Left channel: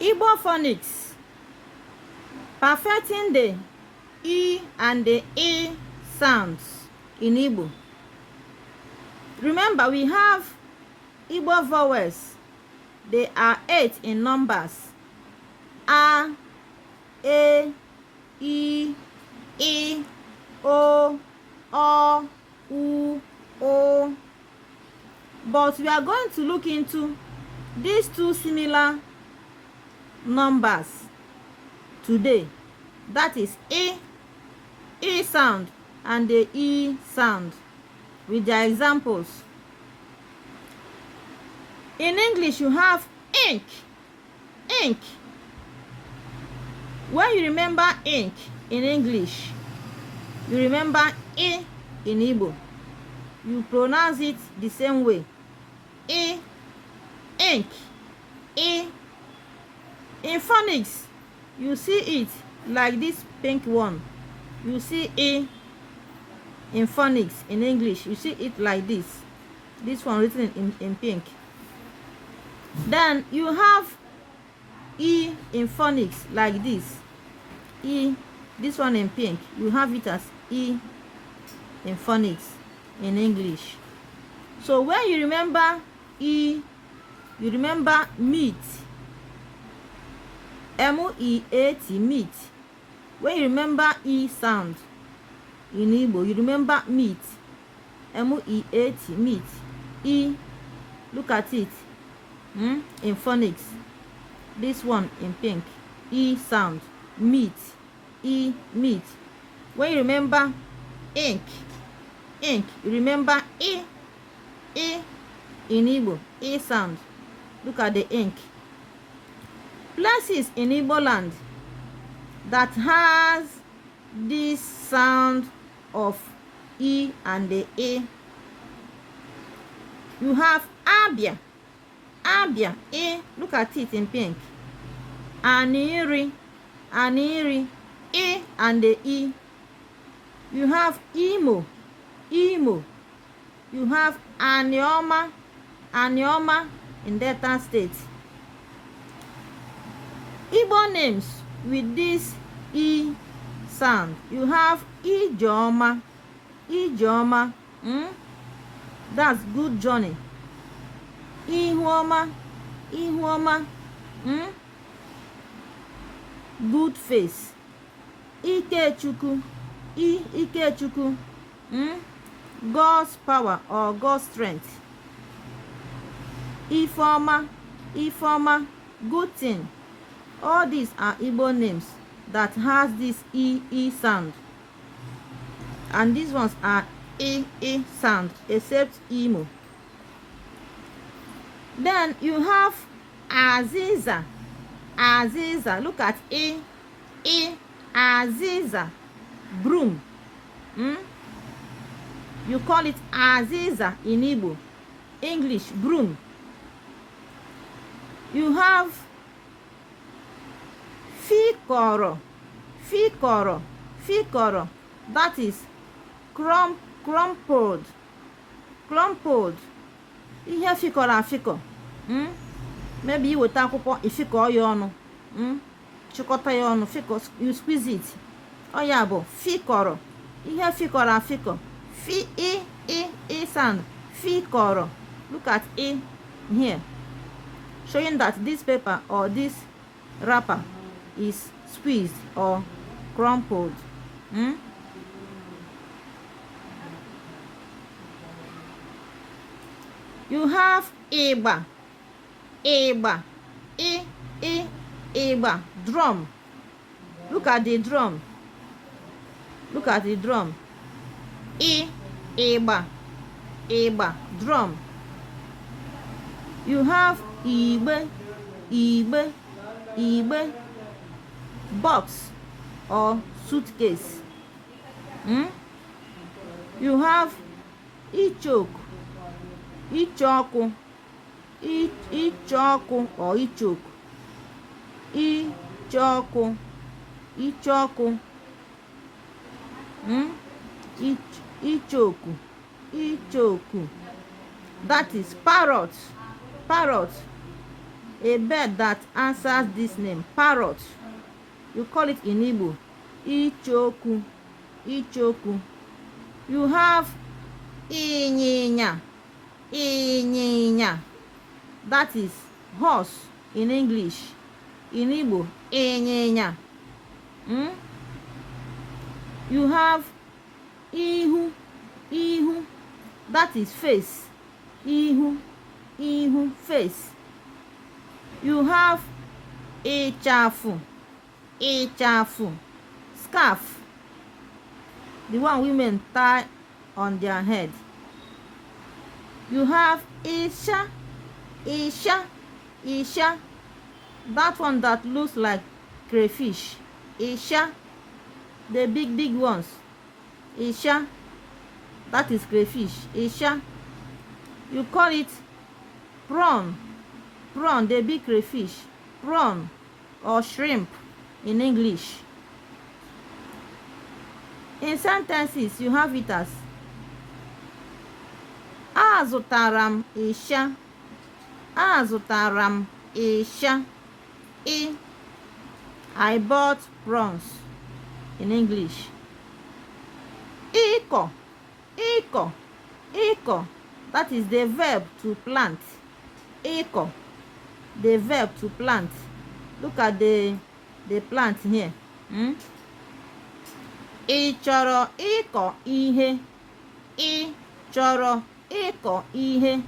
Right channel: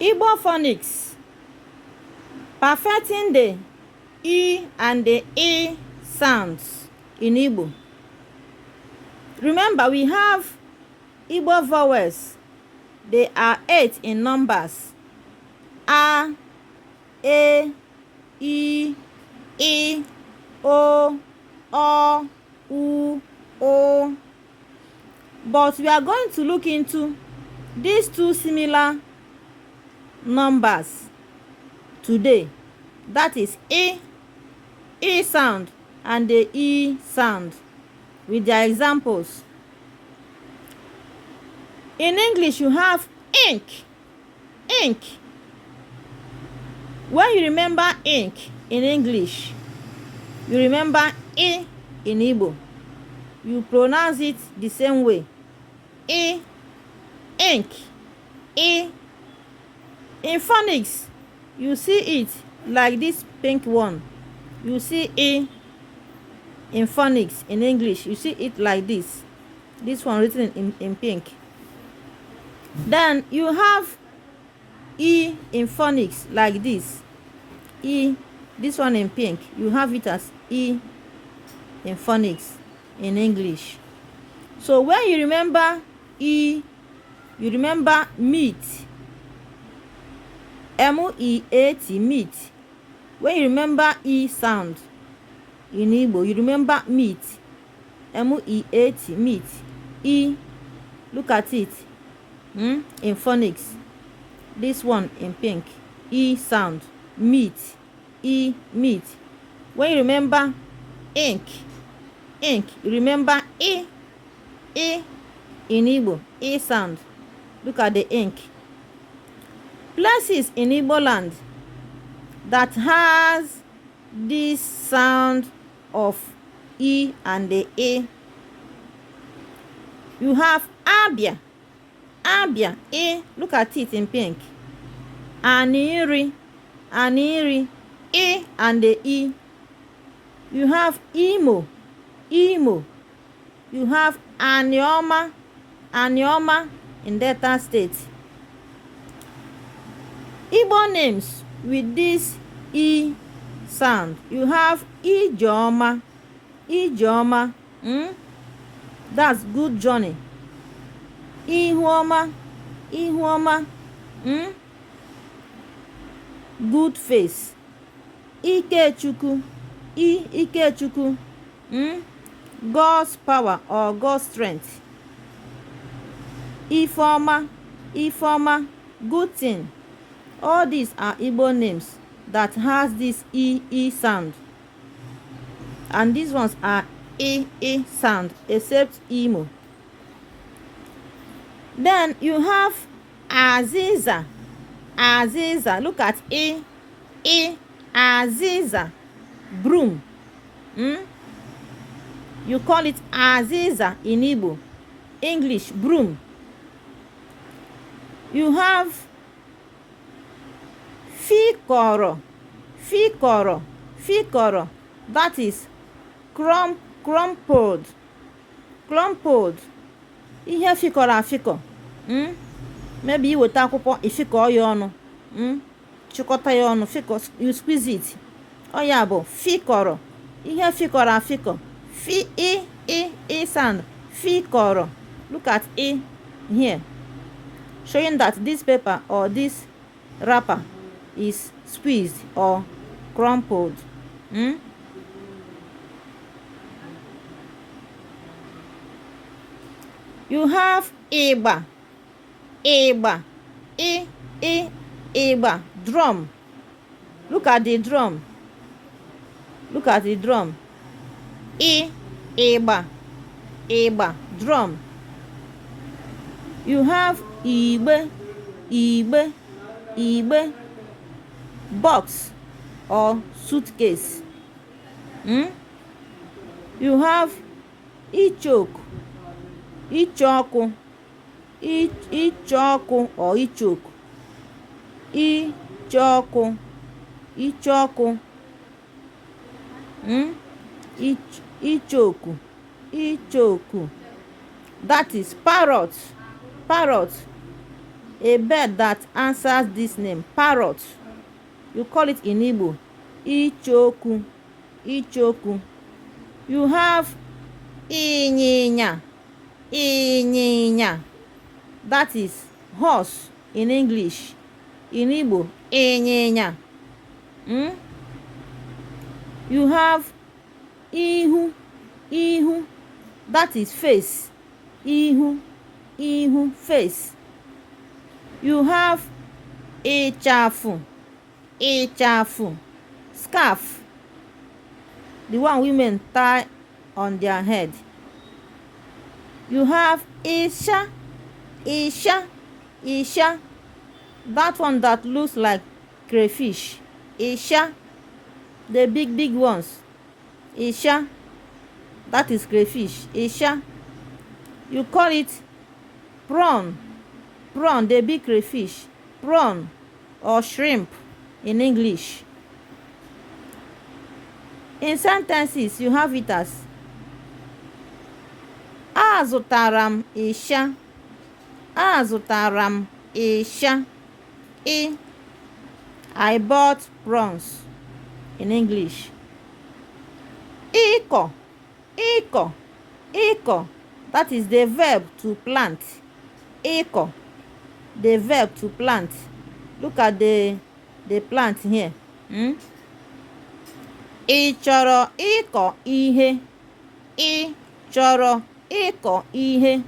Igbo phonics, perfecting the E and the E sounds in Igbo. Remember, we have Igbo vowels. They are 8 in numbers. A, E, I, O, U, O. But we are going to look into these two similar numbers today. That is E sound and the E sound with their examples. In English, you have ink. When you remember ink in English, you remember E in Igbo. You pronounce it the same way. E, ink, E. In phonics, you see it like this pink one. You see E in phonics in English. You see it like this. This one written in pink. Then you have E in phonics like this. E, this one in pink. You have it as E in phonics in English. So when you remember E, you remember meat. M-E-A-T, meat. When you remember E sound in Igbo, you remember meat. M-E-A-T, meat. E, look at it. In phonics. This one in pink. E sound. Meat. E, meat. When you remember ink, you remember E in Igbo. E sound. Look at the ink. Places in Igbo land that has this sound of E and the E. You have Abia. E, look at it in pink. Aniri, E and the E. You have Imo. You have Anioma in Delta State. Igbo names with this E sound. You have Ijeoma. That's good journey. Ihuoma. Good face. Ikechukwu. Ikechukwu. God's power or God's strength. Ifeoma. Good thing. All these are Igbo names that has this E sound. And these ones are E sound, except Imo. Then you have Aziza. Look at E. Aziza. Broom. You call it Aziza in Igbo. English, broom. You have Fikoro. That is crumpled. Ihe fikọrọ afịkọ. Maybe you weta akwụkwọ ifikọ ya ọnụ. Chịkọta ya ọnụ, fikọ, you squeeze it. Ọ ya bụ fikọrọ. Ihe fikọrọ afịkọ. E sound. Fikọrọ. Look at E here. Showing that this paper or this wrapper is squeezed or crumpled. You have Igba. Igba. Drum. Look at the drum. Igba. Drum. You have Igbe. Box or suitcase. You have Ichoku or Ichoku. Ichoku. That is parrot. a bird that answers this name, parrot. You call it in Igbo, ichoku, ichoku. You have ịnyịnya, ịnyịnya. That is horse in English. In Igbo, ịnyịnya. You have ihu, ihu. That is face. Ihu, ihu, face. You have ịchafụ, ịchafụ, scarf. The one women tie on their head. You have isha, isha, isha. That one that looks like crayfish. Isha, the big ones. Isha, that is crayfish. Isha. You call it prawn, prawn, the big crayfish. Prawn or shrimp in English. In sentences, you have it as azụtara m ịsha, azụtara m ịsha. I bought prawns in English. Ịkọ, ịkọ, ịkọ. That is the verb to plant. Ịkọ, the verb to plant. Look at the plant here. Ị chọrọ ịkọ ihe? Ị chọrọ ịkọ ihe?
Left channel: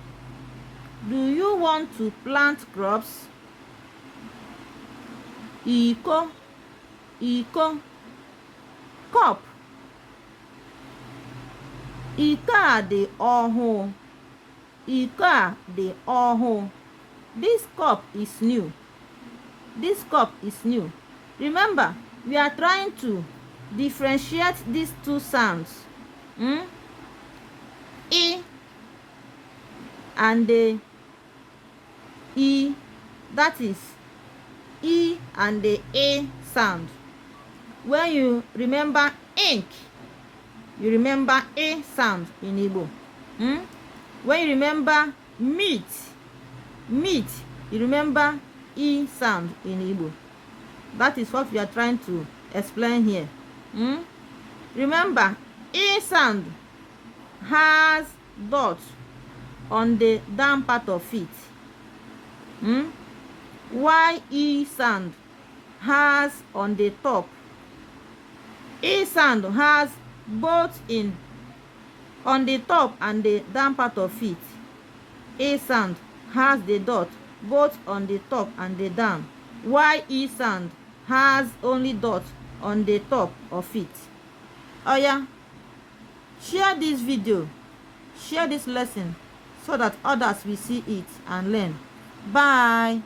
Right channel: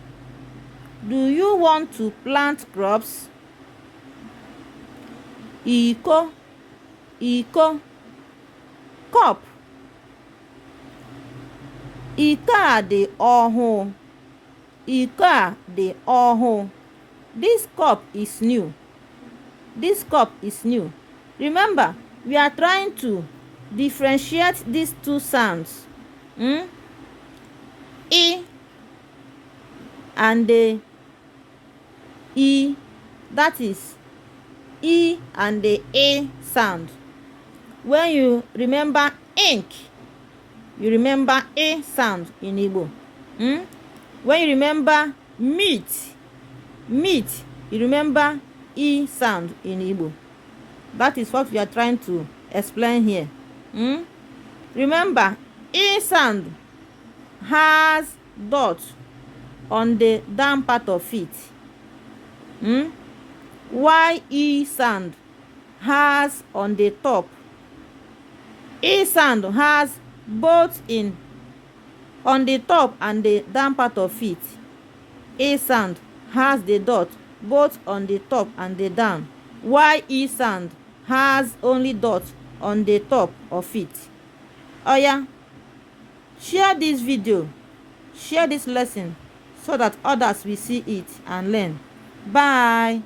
Do you want to plant crops? Iko, iko, cup. Iko a dị ọhụụ. Iko a dị ọhụụ. This cup is new. This cup is new. Remember, we are trying to differentiate these two sounds. E and the E. That is E and the A sound. When you remember ink, you remember A sound in Igbo. When you remember meat, meat, you remember E sound in Igbo. That is what we are trying to explain here. Remember, E sound has dots on the down part of it. While E sound has on the top. E sound has both on the top and the down part of it. E sound has the dot both on the top and the down, while E sound has only dot on the top of it. Oh yeah, share this video, share this lesson so that others will see it and learn. Bye.